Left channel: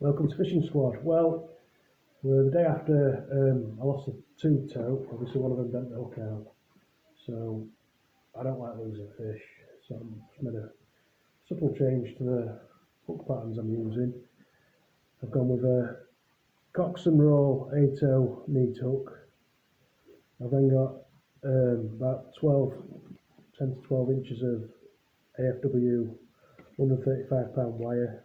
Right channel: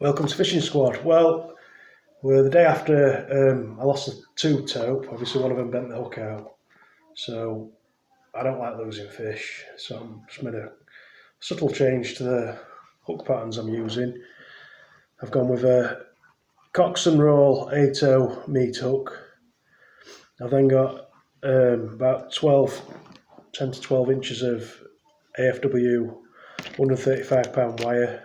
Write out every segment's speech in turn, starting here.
Welcome to Fishing Squad. Well, we're the day after I lost the two tope. Obviously, one of them bent the hook out. So I don't like losing fish. So I've just made a subtle change to the hook patterns I'm using. I've gone with a Cox and Roll 8-0 meat hook. I've then got about 10 to 12 inches of AFW 135-pound wire.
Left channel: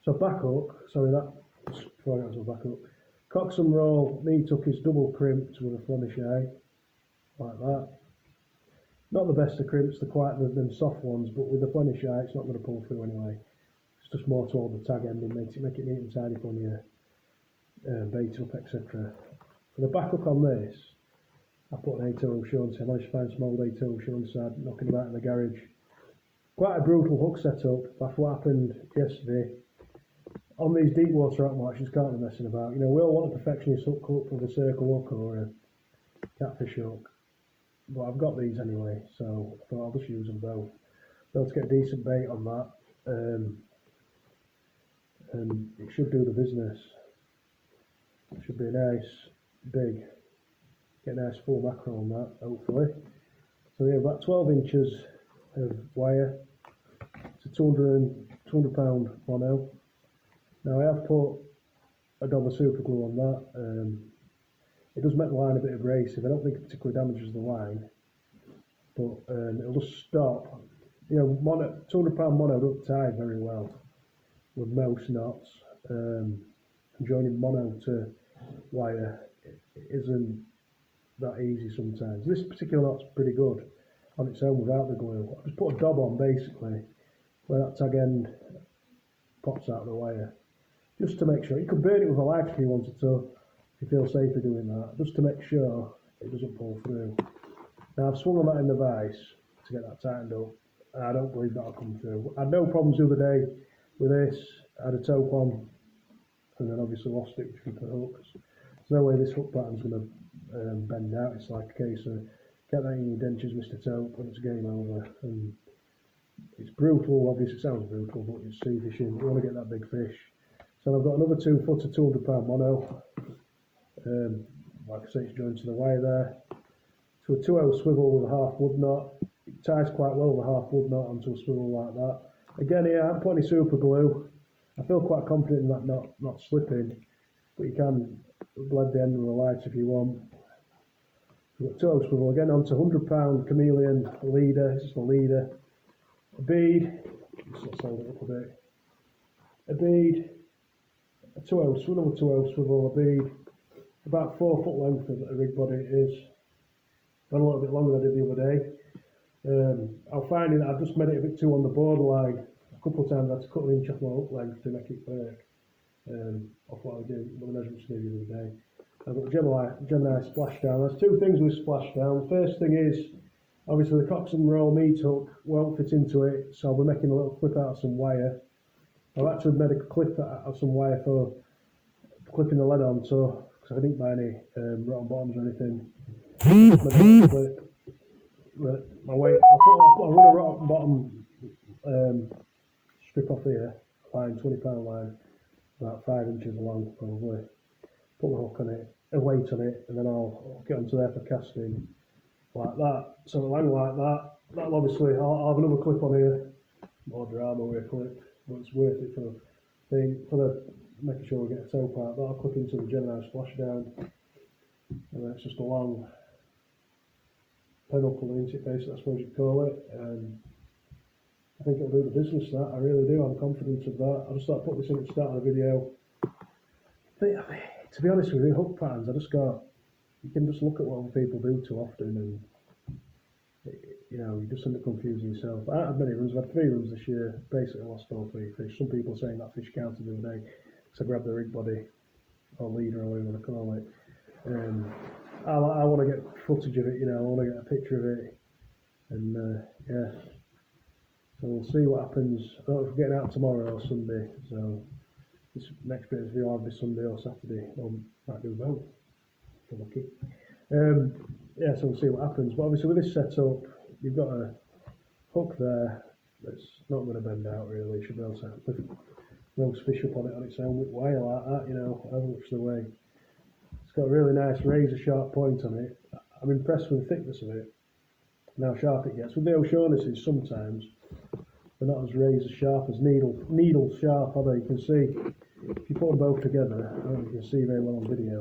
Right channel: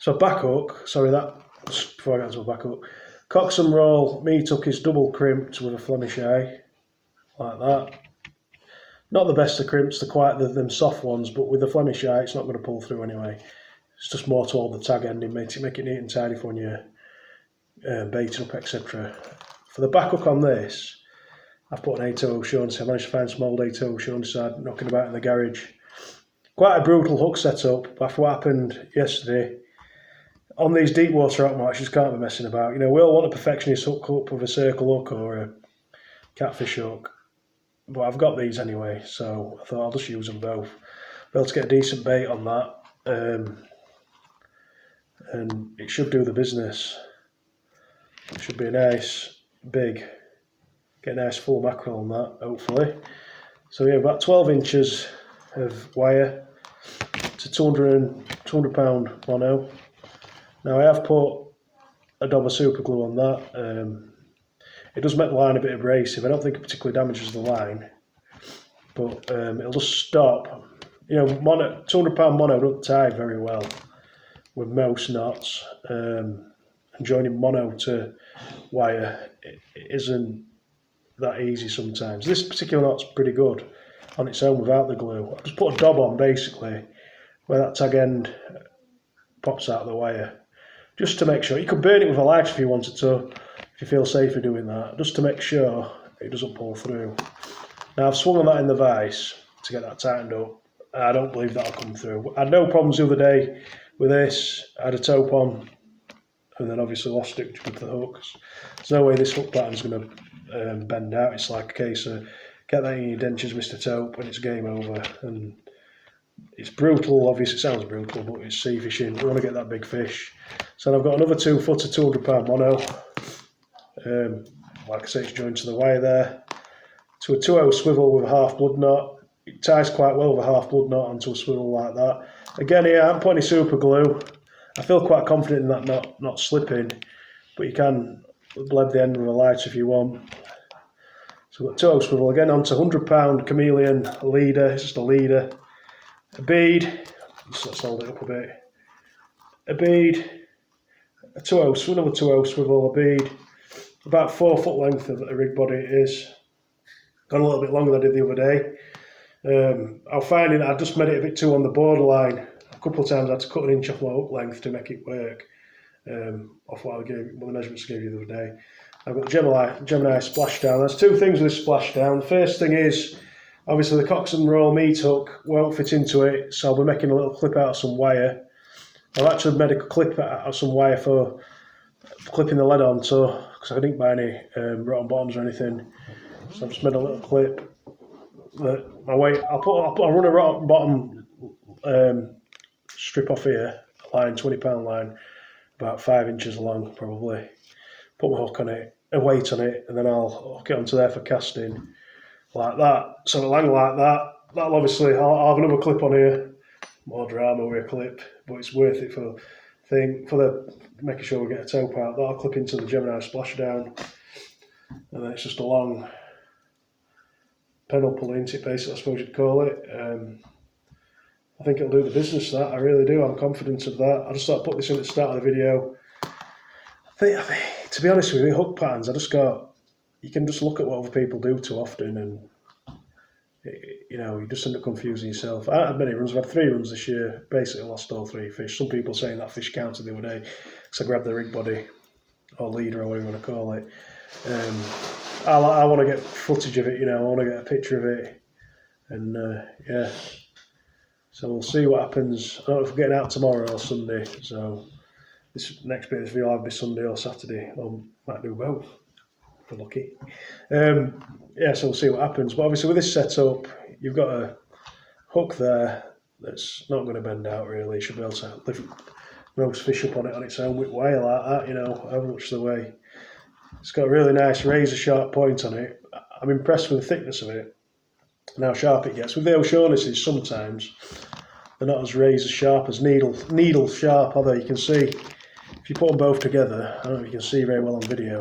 So a back hook, sorry, that was before I got to a back hook. Cox and Roll meat hook is double crimped with a Flemish eye, like that. Not the best of crimps, they're quite them soft ones, but with the Flemish eye, it's not going to pull through anyway. It's just more to hold the tag ending, make it neat and tidy for when you're baiting up, etc. For the back hook on this, I've put an 8-0 showing, so I managed to find some old 8-0 showing side knocking about in the garage. Quite a brutal hook setup, but after what happened yesterday, on these deep water out marks, you just can't be messing about. You know, we all want a perfectionist hook up with a circle hook or a catfish hook, but I've got these anyway, so I thought I'll just use them both. Be able to get a decent bait on that, and it should do the business. It should be a nice, big, get a nice full mackerel on that, hopefully. So yeah, about 12 inches of wire to 200 pound mono. Now I have put a dab of super glue on that. It does make the line a bit abrasive. I don't think it particularly damages the line, but it'll just stop. You know, 200 pound mono don't tie very well with most knots, and joining mono to wire it isn't that easy sometimes. This particular knot's pretty good on its own without the glue. I just put a dab on basically where that tag end pops out of the wire, just to make sure. You could burn it with a light if you wanted to, if you feel safer doing that, just to make sure it doesn't pull through. Now I've swung on that in the vise to get that tightened up. I don't believe that'll come through. I had no problems the other day with this. I had a tope on and then obviously lost it with the hooks. There's no way this hook pattern's going to bend out. It's like a case of get that in your dentures, Mr. Tope, and it's game over. And it's brutal, obviously it sounds brutal, but it's sea fishing. We want to get that big fish. So I've got another 2 footer 200 pound mono. Like I say, it's joined to the wire there. To a 2-0 swivel with a half blood knot. It ties quite well with a half blood knot onto a swivel like that. Again here, I haven't put any super glue. I feel quite confident in that not slipping, but you can blend the end with a light if you want. So we've got 2-0 swivel again onto 100 pound chameleon leader. It's just a leader. A bead, let's hold it up a bit. A bead, a 2-0, another 2-0 swivel, a bead. About 4 foot length of a rig body it is. Gone a little bit longer than I did the other day. I'm finding I just made it a bit too on the borderline. A couple of times I had to cut an inch off my hook length to make it work. Off what the measurements I gave you the other day. I've got Gemini splashdown. There's two things with this splashdown. The first thing is, obviously the Cox and Roll meat hook won't fit into it, so I'll be making a little clip out of some wire. I've actually made a clip out of some wire for clipping the lead onto, because I didn't buy any rotten bottoms or anything. So I just made a little clip. My weight, I'll run a rotten bottom strip off here, a line, 20 pound line, about 5 inches long probably. Put my hook on it, a weight on it, and then I'll hook it onto there for casting. Like that, so it'll hang like that. That'll obviously, I'll have another clip on here, more drama with a clip, but it's worth it for making sure we get a tope out. That'll clip into the Gemini splashdown, and then it's just a long pedal pull into it, basically, I suppose you'd call it. I think it'll do the business, that, I really do, I'm confident of that. I just thought I'd put this in at the start of the video. I think, to be honest with you, hook patterns, you can just look at what other people do too often, and you know, you just end up confusing yourself. I had many runs. I've had 3 runs this year, basically lost all 3 fish. Some people saying that fish counted the other day because I grabbed the rig body or leader or whatever you want to call it. I want to get footage of it, you know, I want to get a picture of it, and yeah, so we'll see what happens. I don't know if we're getting out tomorrow or Sunday, so this next bit of this video will either be Sunday or Saturday, or might do both if we're lucky. Yeah, so we'll see what happens. But obviously with this setup, you've got a hook there that's not going to bend out really. You should be able to roast fish up on it on its own with wire like that, you know, how much the way. It's got a really nice razor sharp point on it. I'm impressed with the thickness of it and how sharp it gets. With the O'Shaughnessy's sometimes they're not as razor sharp as needle sharp, although you can see if you put them both together, I don't know if you can see very well on video,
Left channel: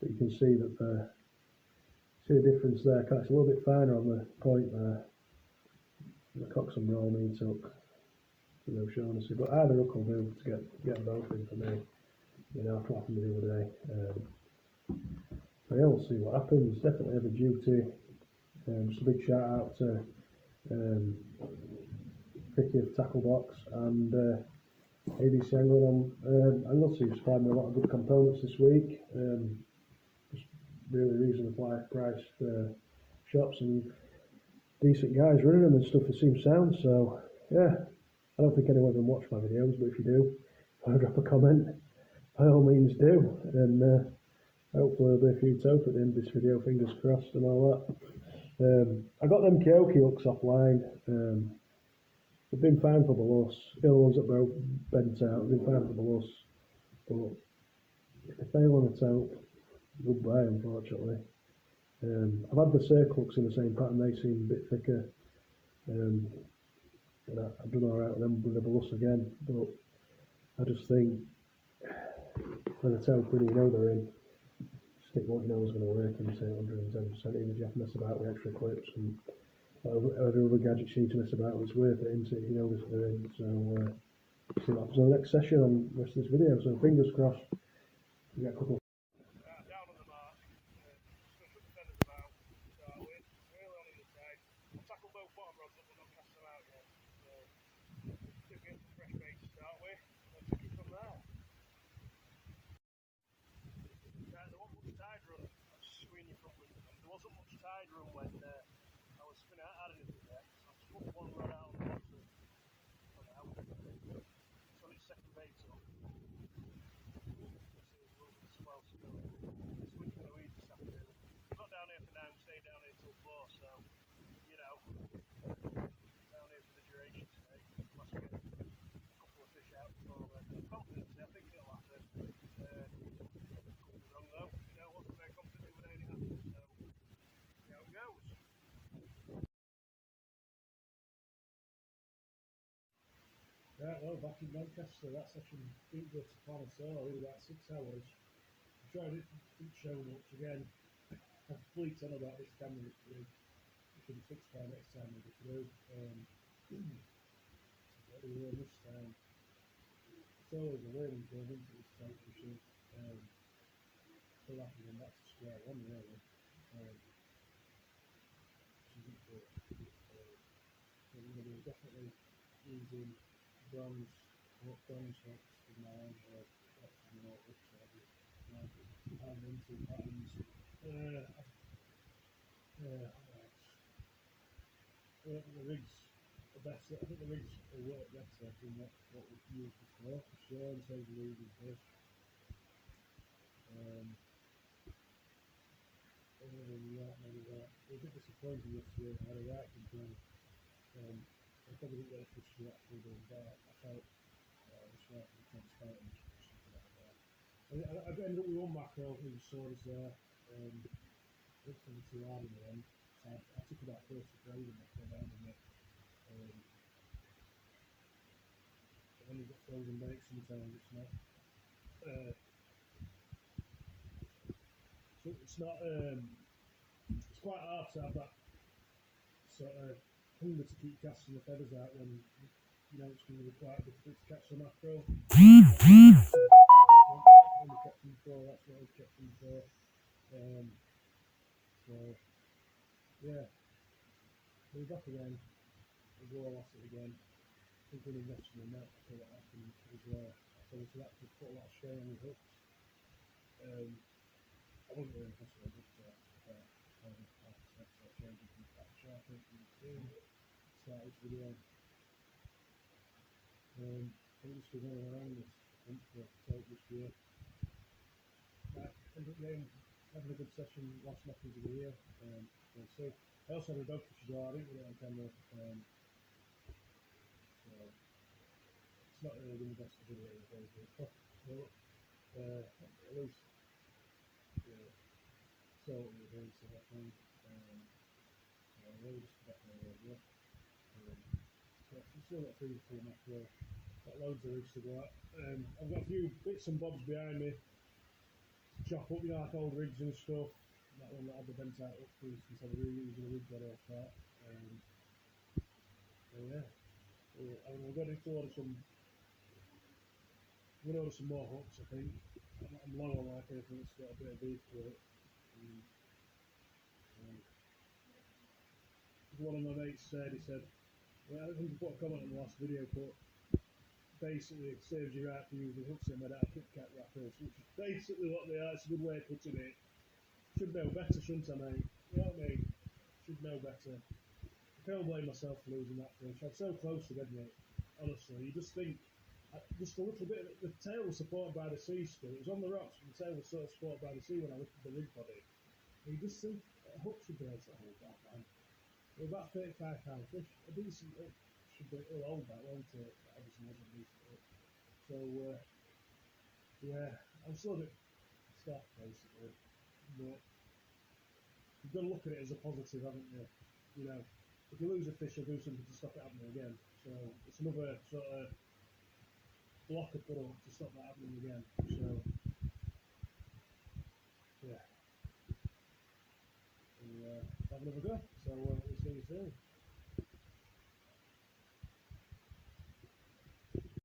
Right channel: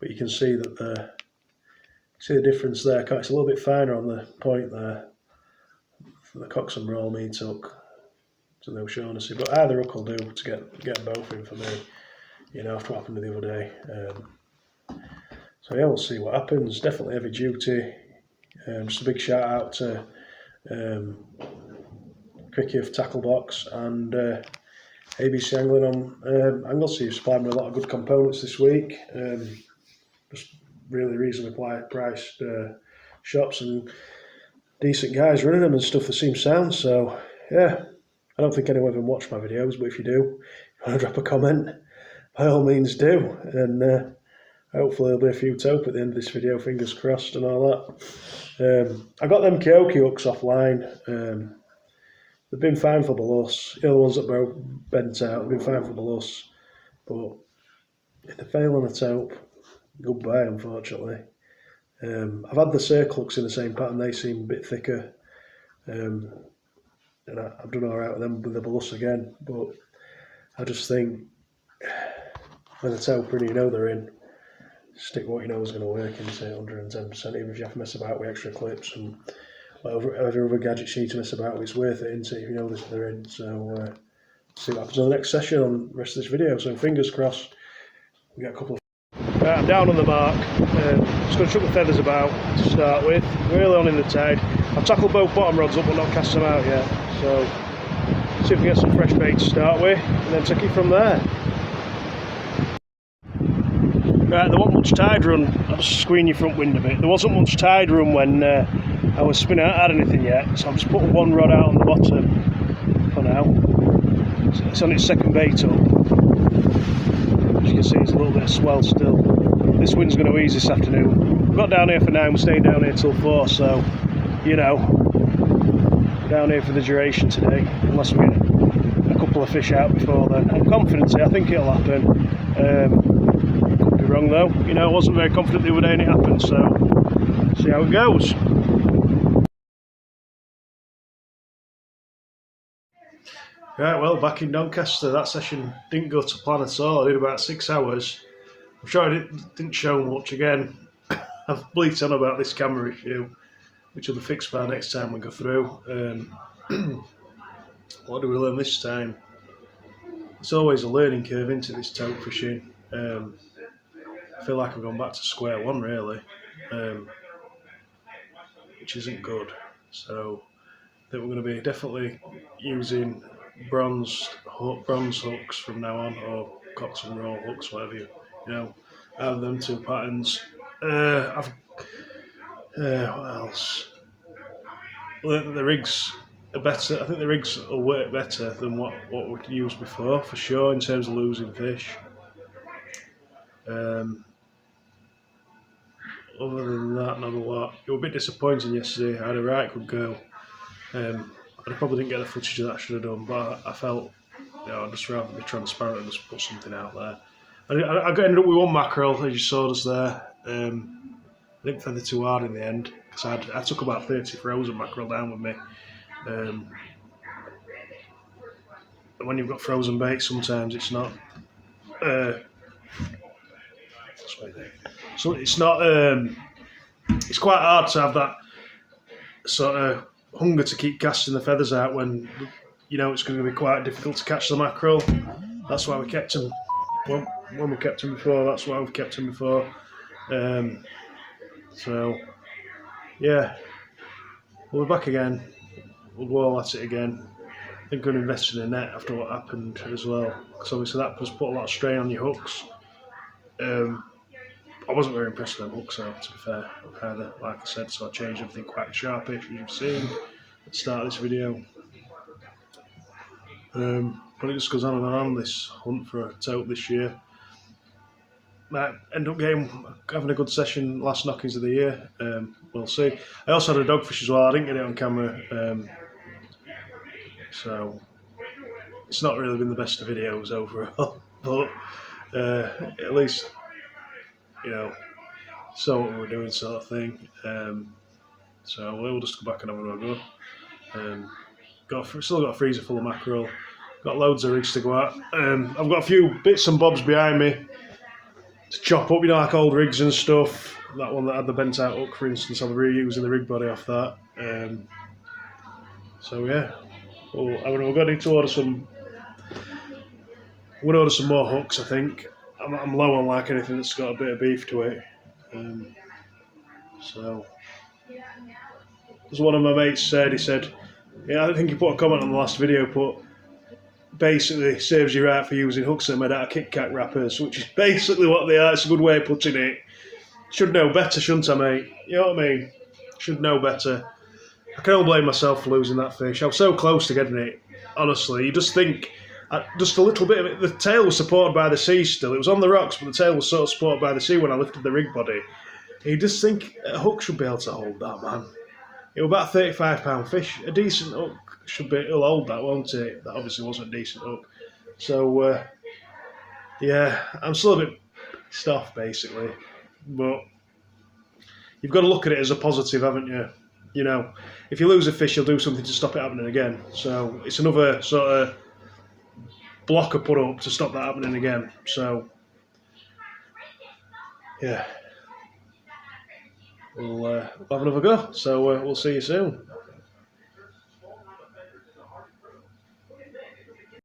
but you can see that see the difference there. It's a little bit finer on the point there. The Coxon roll meat hook to the O'Shaughnessy, but either hook will do to get them both in for me. You know, after what happened the other day. So yeah, we'll see what happens. Definitely heavy duty. Just a big shout out to Cricky of Tackle Box and ABC Angling on Anglesey, who supplied me a lot of good components this week. Just really reasonably priced shops and decent guys running them and stuff that seems sound. So yeah, I don't think anyone even watched my videos, but if you do, if you want to drop a comment, by all means do. And hopefully there'll be a few Tope at the end of this video, fingers crossed and all that. I got them Kyoki hooks offline. They've been fine for Beloss. The other ones that broke bent out, they've been fine for Beloss. But if they fail on a Tope, goodbye, unfortunately. I've had the circle hooks in the same pattern, they seem a bit thicker. And I've done alright with them with the Beloss again. But I just think when the Tope in, you know they're in. Stick what you know is going to work into 110%, even if you have to mess about with extra clips and whatever other gadgets you need to mess about with, it's worth it, isn't it, if you know they're in. So see what happens on the next session on the rest of this video. So fingers crossed we get a couple of... Right, I'm down on the mark. Just going to chuck the feathers about to start with. We're early on in the tide. I've tackled both bottom rods up but not cast them out yet. So see if we get some fresh bait to start with and then take it from there. Right, there wasn't much tide run. I'll just screen your front wind a bit. There wasn't much tide run when I was spinning. I hadn't had anything yet, so I've just put one rod out on the bottom for now. So it's on its second bait up. As you can see, there's a little bit of swell still. This wind's going to ease this afternoon. We've got down here for 9, we're staying down here till 4, so, you know, we're down here for the duration today, unless we get a couple of fish out before then. I'm confident, I think it'll happen. Wrong though, you know, I wasn't very confident the other day and it happened, so see how it goes. Right, well, back in Doncaster, that session didn't go to plan at all. I did about 6 hours. I'm sure I didn't show much. Again, I've bleated on about this camera issue, which will be fixed by next time we go through. What do we learn this time? It's always a learning curve into this Tope fishing. I feel like I've gone back to square one really, which isn't good. So I think we're going to be definitely using bronze hooks from now on, or Coxon roll hooks, whatever you know, out of them two patterns. What else? Well, the rigs are better. I think the rigs will work better than what we've used before, for sure, in terms of losing fish. Other than that, not a lot. It was a bit disappointing yesterday. I had a right good go. I probably didn't get the footage of that I should have done, but I felt, you know, I'd just rather be transparent and just put something out there. I ended up with one mackerel, as you saw us there. I didn't feather too hard in the end, because I took about 30 frozen mackerel down with me. And when you've got frozen bait, sometimes it's not... So it's not. It's quite hard to have that sort of hunger to keep casting the feathers out when you know it's going to be quite difficult to catch the mackerel. That's why we kept them. When we kept them before, that's why we've kept them before. So yeah, we'll be back again. We'll go all at it again. I think I'm going to invest in a net after what happened as well, because obviously that has put a lot of strain on your hooks. I wasn't very impressed with them hooks, to be fair, either, like I said, so I changed everything quite sharpish, as you've seen at the start of this video. But it just goes on and on, this hunt for a Tope this year. Might end up having a good session, last knockings of the year, we'll see. I also had a dogfish as well, I didn't get it on camera, so it's not really been the best of videos overall, but at least, you know, saw what we were doing, sort of thing. So we'll just go back and have another go. Still got a freezer full of mackerel. Got loads of rigs to go at. I've got a few bits and bobs behind me to chop up, you know, like old rigs and stuff. That one that had the bent out hook, for instance, I'm reusing the rig body off that. So yeah, we're going to need to order some. We're going to order some more hooks, I think. I'm low on like anything that's got a bit of beef to it. So, as one of my mates said, he said, yeah, I think he put a comment on the last video, but basically serves you right for using hooks that are made out of Kit Kat wrappers, which is basically what they are. It's a good way of putting it. Should know better, shouldn't I, mate? You know what I mean? Should know better. I can only blame myself for losing that fish. I was so close to getting it, honestly. You just think, just a little bit of it, the tail was supported by the sea still. It was on the rocks, but the tail was sort of supported by the sea when I lifted the rig body. You just think a hook should be able to hold that, man. It was about a £35 fish. A decent hook it'll hold that, won't it? That obviously wasn't a decent hook. So, yeah, I'm still a bit pissed off, basically. But you've got to look at it as a positive, haven't you? You know, if you lose a fish, you'll do something to stop it happening again. So it's another sort of blocker put up to stop that happening again. So, yeah, we'll have another go. So we'll see you soon.